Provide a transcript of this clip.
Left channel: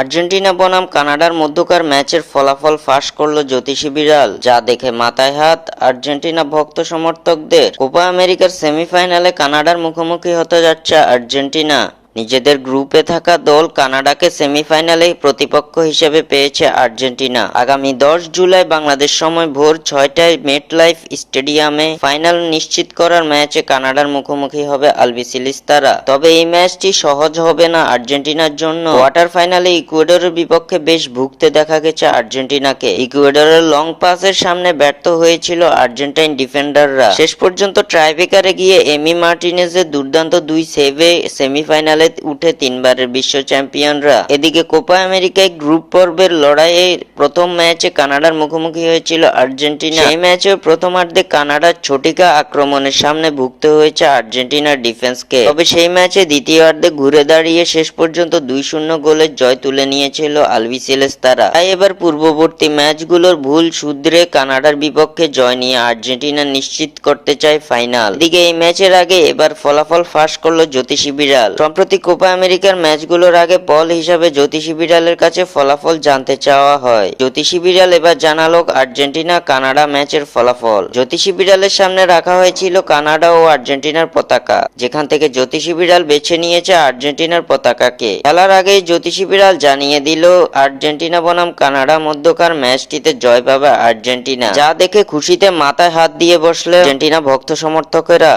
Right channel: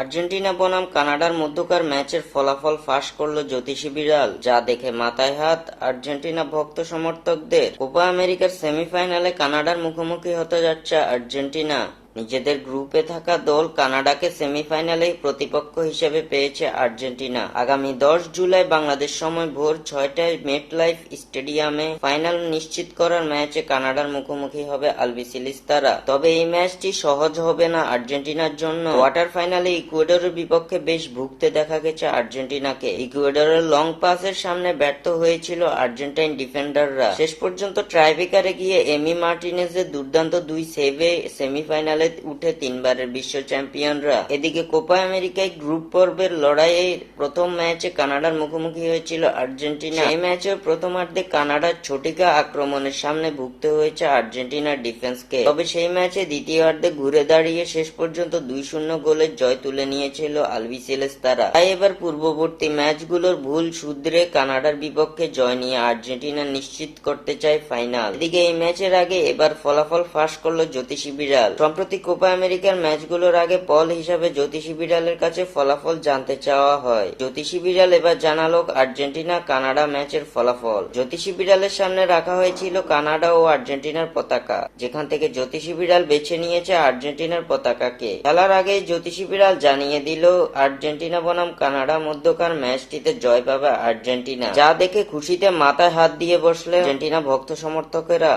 Argentina বনাম কানাডার মধ্যকার ম্যাচের ফলাফল ফাঁস করল জ্যোতিষী বিড়াল, যা দেখে মাথায় হাত আর্জেন্টিনা ভক্ত সমর্থকদের। কোপা আমেরিকার সেমিফাইনালে কানাডার মুখোমুখি হতে যাচ্ছে আর্জেন্টিনা। নিজেদের গ্রুপে থাকা দল কানাডাকে সেমিফাইনালে প্রতিপক্ষ হিসেবে পেয়েছে আর্জেন্টিনা। আগামী 10 জুলাই বাংলাদেশ সময় ভোর 6টায় মেটলাইফ স্টেডিয়ামে ফাইনাল নিশ্চিত করার ম্যাচে কানাডার মুখোমুখি হবে আলবিসেলেস্তারা। তবে এই ম্যাচটি সহজ হবে না আর্জেন্টিনার জন্য। কোয়ার্টার ফাইনালে ইকুয়েডরের বিপক্ষে বেশ ভুগতে দেখা গেছে আর্জেন্টিনাকে। ইকুয়েডরের লং পাসের সামনে ব্যর্থ হয়েছিল আর্জেন্টাইন ডিফেন্ডাররা। শেষ পর্যন্ত টাইব্রেকারে গিয়ে এমি মার্টিনেজের দুর্দান্ত 2 সেভে সেমিফাইনালে উঠে 3বারের বিশ্ব চ্যাম্পিয়নরা। এদিকে কোপা আমেরিকায় গ্রুপ পর্বের লড়াইয়ে প্রথম ম্যাচে কানাডার মুখোমুখি হয়েছিল আর্জেন্টিনা। এই ম্যাচে প্রথমার্ধে কানাডার ছোটিকা আক্রমণের সামনে ভুগতে হয়েছে আর্জেন্টিনার ডিফেন্সকে। তবে সেই ম্যাচে দ্বিতীয়ার্ধে ঘুরে দাঁড়িয়ে শেষ পর্যন্ত 2-0 গোলের জয় তুলে নিয়েছিল আলবিসেলেস্তারা। তাই এবার পূর্ববর্তী ম্যাচগুলোর ভুল শুধরে কানাডার বিপক্ষে জয় নিয়ে আর্জেন্টিনা নিশ্চিত করতে চায় ফাইনাল। এদিকে এই ম্যাচের আগে এবার ফলাফল ফাঁস করল জ্যোতিষী বিড়াল। সম্প্রতি কোপা আমেরিকার ম্যাচগুলোর আগে পল হিসাবে জ্যোতিষী বিড়ালের কাছে ফলাফল জানতে চাওয়া হয়। জ্যোতিষী বিড়াল এবার জানালো আর্জেন্টিনা কানাডা ম্যাচের ফলাফল। জ্যোতিষী বিড়ালের সামনে রাখা হয়েছিল কানাডা ও আর্জেন্টিনার পতাকা, যেখান থেকে জ্যোতিষী বিড়াল বেছে নিয়েছে আর্জেন্টিনার পতাকাকে। খেলার আগেই জ্যোতিষী বিড়াল জানিয়ে দিল আর্জেন্টিনা বনাম কানাডা মধ্যকার ম্যাচটিতে জয় পাবে আর্জেন্টিনা, যা দেখে খুশিতে মাথায় হাত দিয়ে বসলে আর্জেন্টিনা ভক্ত সমর্থকেরা।